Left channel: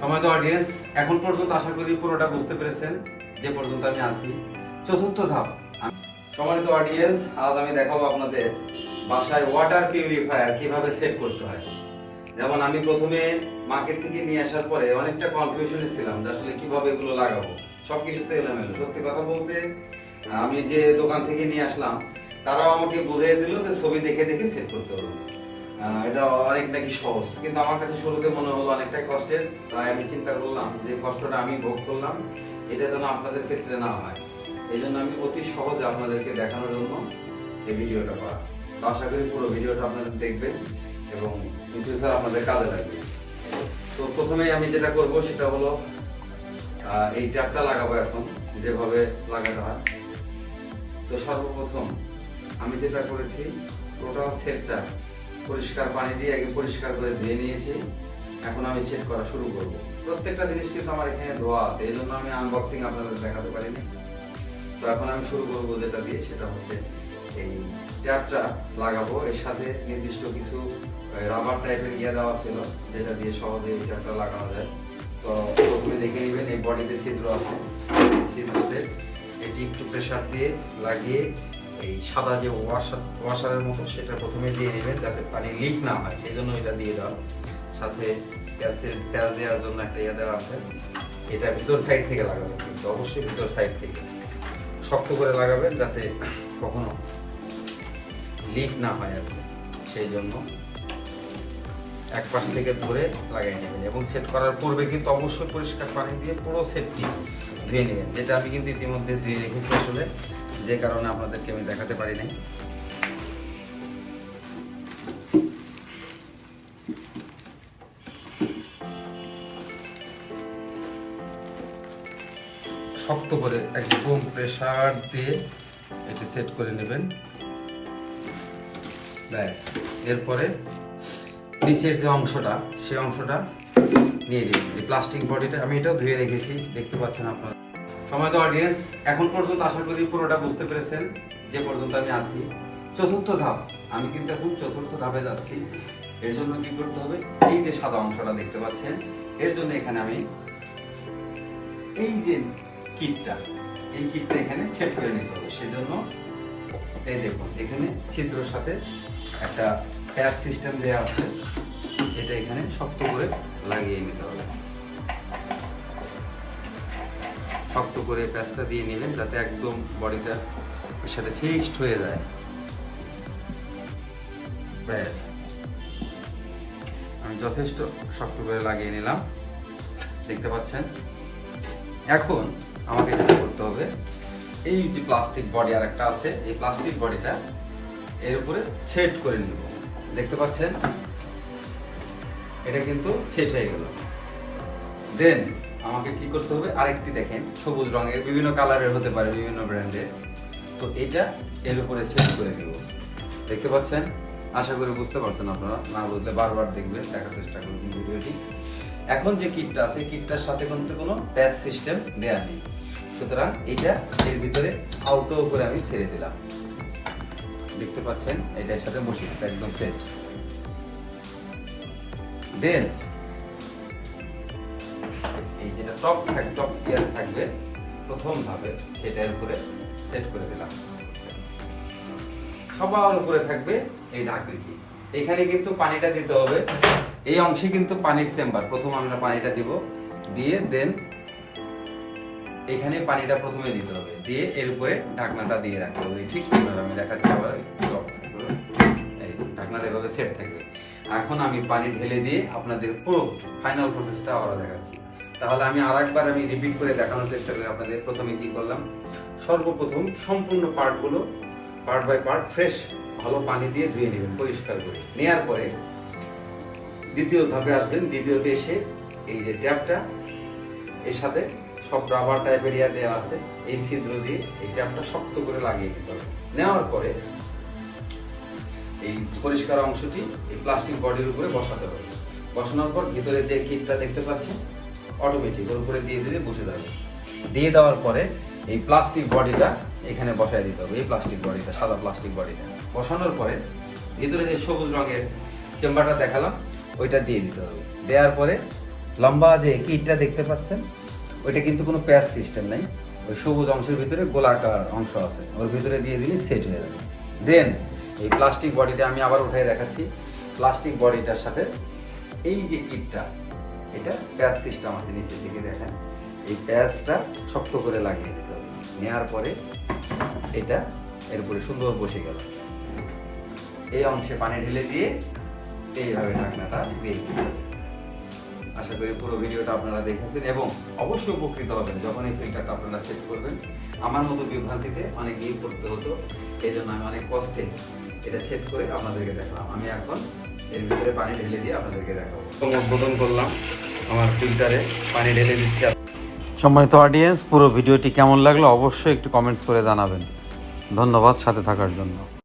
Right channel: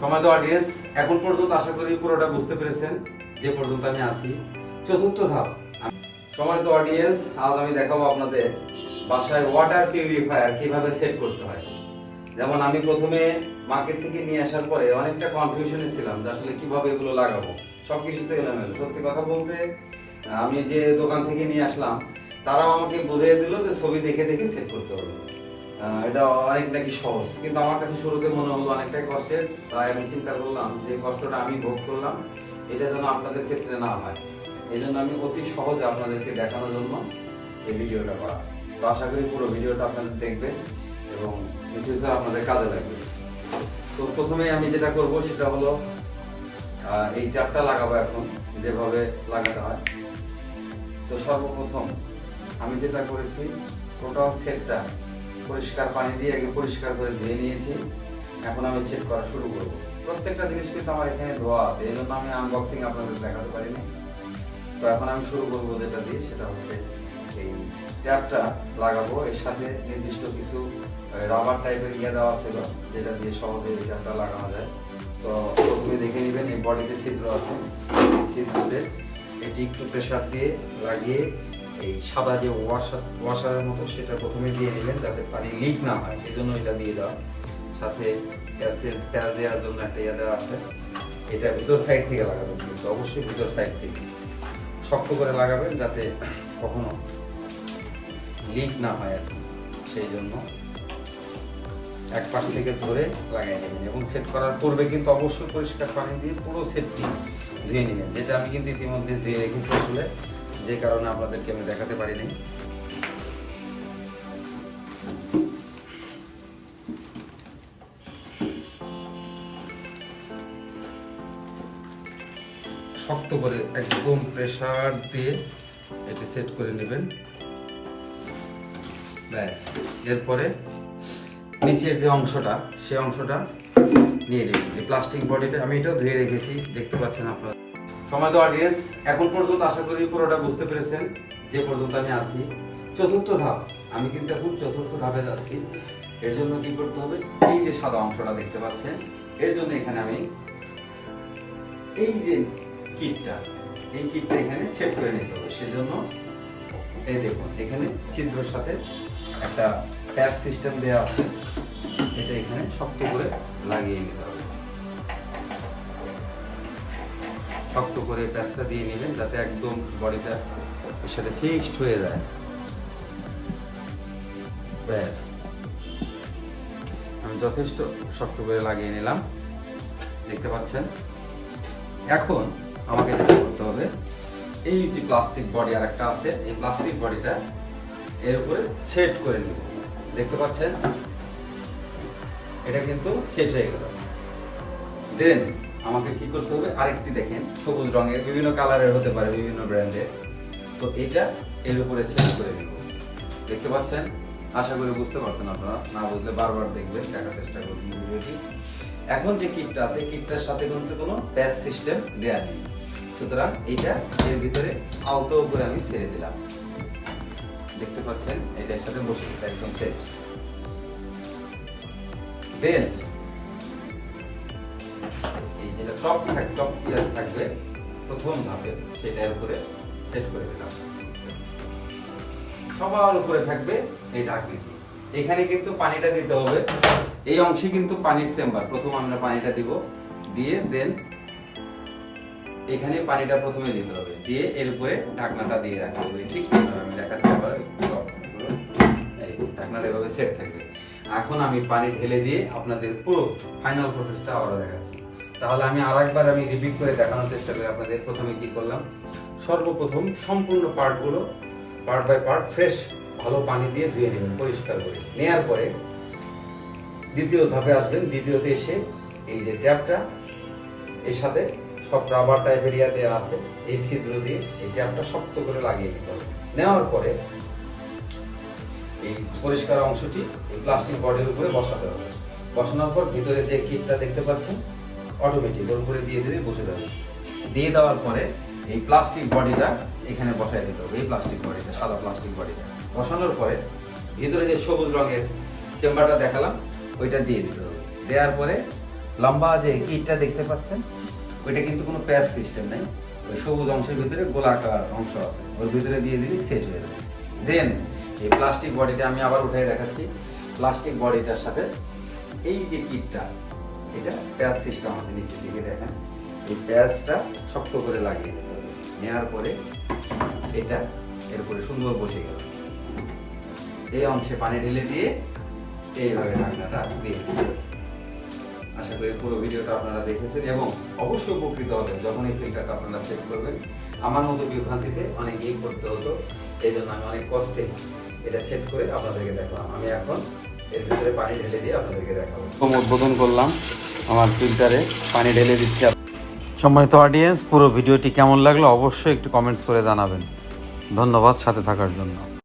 সময় তো অডিয়েন্স এখন পর্যন্ত আশা করি পুরোটা বুঝতে পেরেছেন, যে পর্যন্ত আমি আছি। চতুর্থ ধাপ। সম্মানিত অডিয়েন্স আজ আমি দেখাবো আপনাদের বাসায় ওয়াটার পিউরিফায়ার কীভাবে সেট করতে হয়। যেমন আমি প্রথমে মার্কেট থেকে নিয়ে আসার পরে অনেকটা কনফিউশনে ছিলাম যে আসলে কীভাবে এগুলো লাগাবো। সব কিছুতে এলোমেলো। সত্যি কথা বলতে, আমি যে দোকান থেকে নিয়ে আসলাম, তারাও আমাকে বুঝিয়ে দিল যে ছবি দেখে দেখে সেট করতে হবে। এটা অনেক নাকি সহজ। কিন্তু আমার কাছে শুরুতে মনে হলো অনেকটাই কষ্টের। তাই আমি চিন্তা করলাম যে কষ্টটা আমি ভোগ করলাম, এটা যেন আপনাদের ক্ষেত্রে না হয়। এই জন্য আমি অতি সহজে আপনাদেরকে দেখানোর জন্য এই ভিডিওটা করা। তো আশা করি পুরো ভিডিওটা আপনাদের দেখবেন এবং ফিউচার আপনাদের কাজে লাগবে। তো প্রথমে আমি যেটা করব সেটা হলো এই ট্যাপটা লাগাবো এখন, যেভাবে লাগাতে হয়। তো সর্বপ্রথম আমি যেটা করেছি টোটাল সেটটা পরিষ্কার পানি দিয়ে আগে পরিষ্কার করে ধুয়ে নিয়েছি। এখন আমি সেট করা শুরু করব। প্রত্যেকটা জিনিস কিন্তু আমার এখানে ধোয়া আছে এই জন্য আমি আনবক্সিং আপনাদের দেখাতে পারিনি। তো এখন আমি শুরু করব যেটা দিয়ে, সেটা হচ্ছে এই ট্যাপটা লাগাবো। এর সাথে নির্দিষ্ট কিছু রাবার টাইপের ইয়ে দেওয়া ছিল, যেটা দিয়ে সহজে এই ট্যাপটা লাগানো যায়। তো প্রথমে দেখে নেবেন, এই বডিতে ছিদ্র আছে। ছিদ্রতে এটি একটু প্রেসার দিয়ে লাগিয়ে এই সাদা যে ওয়াশার ওয়াশারের মতো সেটা প্রথমে দিয়ে নেবেন যাতে পানি লিক না হয় সেই জন্য এটা দিয়ে দাও। সাথে গ্যাসের তেল দেওয়ার জন্য একটা ইয়ে দেওয়া আছে। এটা ভিতর সাইড থেকে লাগাবেন কিন্তু, অবশ্যই ভিতর সাইড থেকে। শক্ত করে লাগাবেন যাতে কখনো লিক না হয় আর। সেই জন্য এক পাশ থেকে ধরে লাগাই নেবেন এবং সেট করার পূর্বে কিন্তু অবশ্যই পরিষ্কার পানি দিয়ে পুরো সেটটি ধুয়ে নেবেন, যেটা আমি কিন্তু ইতিমধ্যে ধুয়ে রেখেছি আসলে। যে কারণে আপনাদেরকে আমি দেখাতে পারি নাই। শক্ত করে একদম প্রেসার দিয়ে এটি সেট করে নেবেন। ব্যাস, এরপরে নিচের যে অংশটা সেই অংশটা নিয়ে নেবেন যে প্লাস্টিক বডিটা, আমি এটাও ধুয়ে রেখেছি, দেখতে পাচ্ছেন আপনারা। সময় তো অডিয়েন্স এখন পর্যন্ত আশা করি পুরোটা বুঝতে পেরেছেন, যে পর্যন্ত আমি আছি। চতুর্থ ধাপ, আমি কিন্তু এখন চতুর্থ ধাপে যাচ্ছি। এর জন্য কি করতে হবে? এই যে সাদা অংশটা দেখতে পাচ্ছেন, এর জন্য এখানে আমি এই যে কিটটা, এই কিটটা এখানে ছেদ করে নিতে হবে। সেজন্য এই দেখুন, এখানে ছিদ্রর সাথে একটা প্যাচ সিস্টেম দেওয়া আছে। এটা এখানে শক্ত করে লাগিয়ে নিতে হবে। শক্ত করে প্যাচটা দিয়ে নেবেন যাতে একদম বডিটা ওর সাথে ফিক্সড হয়ে যায়। ব্যাস। আমি যথেষ্ট শক্ত করে লাগিয়ে নিলাম। দেখতে পাচ্ছেন? এখন আমাকে যেটা করতে হবে, এই যে প্লাস্টিক বডি আর একটা আছে, এই প্লাস্টিক বডিটা এর উপরে সেট করে নিব। দেখতে পাচ্ছেন? এটা কিন্তু সেট হয়ে গেল। দেন আমাকে কি করতে হবে? আরেকটি দেখেন, সবুজ রঙের, বিভিন্ন কালারের হতে পারে বিভিন্ন ব্র্যান্ডের। তো এটা এর উপরে সেট করে দিব। দেখতে পাচ্ছেন? আশা করি বুঝতে পারছেন আপনারা। না বুঝলে বারবার দেখবেন, দেখার চেষ্টা করবেন ভিডিওটি। এখন যে কিটটা আছে কিটটার সাথে কিন্তু কোনো প্যাচ সিস্টেম দেয়া নেই। সুতরাং এটা এর ভিতরে আলতো করে আমি ছেড়ে দিলাম। দেখতে পাচ্ছেন? এটার সাথে বসে, একদম সেট দেন টপ টপ ইয়ার থাকবে প্রথম ধাপে সেটার উপরে সেট করে দিলাম। সবার উপরে থাকবে এই ঢাকনিটি এখানে কিন্তু পানিটা দিতে হবে। এই অংশে কিন্তু পানির চেম্বার প্রথম আমরা পানিটা দিব। দিয়ে দেন এখানে পানিটা প্রথমে দিতে হবে। দিয়ে এর উপরে ঢাকনাটা দিয়ে রাখতে হবে। ঠিক আমি দেখাচ্ছি আবার ঢাকনাটা এভাবে সেট থাকবে। এখন আমি পানি ঢেলে দিয়ে আপনাদের পুরো ফাইনাল প্রসেসটা আবারও দেখাচ্ছি। তাহলে আমি আরেকবার আমি রিপিট করে দেখানোর চেষ্টা করি আপনাদের। প্রথমে কি করলাম? সর্বপ্রথম সম্পূর্ণ পার্টগুলো পার্ট বাই পার্ট ফ্রেশ ভালো পানি দিয়ে ধুয়ে নেবেন, পরিষ্কার করে। নেয়ার পরে দ্বিতীয় ধাপে আসবেন, দ্বিতীয়তে এসে এই যে ট্যাপটা, এর সাথে সব রাবার টাইপের ইয়া দেওয়া আছে, এই ছিদ্র দিয়ে এই ট্যাপটা শক্ত করে লাগিয়ে নিতে হবে। নেওয়ার পরে এই পরিষ্কার অংশটি এই প্লাস্টিক বডির উপরে বসাতে হবে। বসানোর পর ভিতরে যে কিটটা দেখতে পাচ্ছেন অটোমেটিক ওর উপরে দিয়ে দিলে বসে যাবে। দিয়ে দেওয়ার পরে এই প্লাস্টিক বডিটা এখানে বসায় দিতে হবে। এই প্লাস্টিক বডিটা সাদা প্লাস্টিক বডিটা বসানোর পরে ভিতরে যে সবুজ রঙের চেম্বারটা দেখালাম, ওইটা দিয়ে দিতে হবে। দেওয়ার পরে লম্বা যে কিটটা দেখতে পাচ্ছেন, ওইটা কিন্তু কোনো প্যাচ সিস্টেম নেই। ওই সবুজ অংশের ভিতরে গোলাকার অংশ আছে। ওর ভিতরে দিয়ে দিলে সেট হয়ে যাবে। দেন এই প্লাস্টিক বডিটা আমি আবার উঠে দেখাচ্ছি। প্লাস্টিক বডিটার সাথে এই যে কিটটা এটা প্যাচ সিস্টেম আছে নিচের দিকে দেখেন। এই প্যাচটা শক্ত করে লাগিয়ে দিতে নেওয়ার পরে এটা এর উপরে সুন্দর বসে গেল। এই অংশে পানি ঢেলে দিয়ে এইভাবে ঢাকনাটা দিয়ে দিতে। আশা করি পুরো ভিডিওটা আপনারা দেখেছেন এবং অবশ্যই উপকৃত হবেন যখন এই ফিল্টারটা আপনারা সেট করবেন। আমার মতো বিভ্রান্তিতে অনেকেই করতে হতো, এই জন্য আমি অনেক কষ্টে এটা সেট করে আপনাদেরকে দেখলাম। আমি এখন এর ভিতরে পানি ঢেলে দিয়ে আপনাদেরকে দেখাবো। উদ্বোধন করলাম আমার ফিল্টারে পানি ঢেলে দিচ্ছি। সম্মানিত অডিয়েন্স পুরো ভিডিওটি কেমন লাগল অবশ্যই একটু কমেন্টস করে জানাবেন। ধন্যবাদ সাথে থাকার জন্য।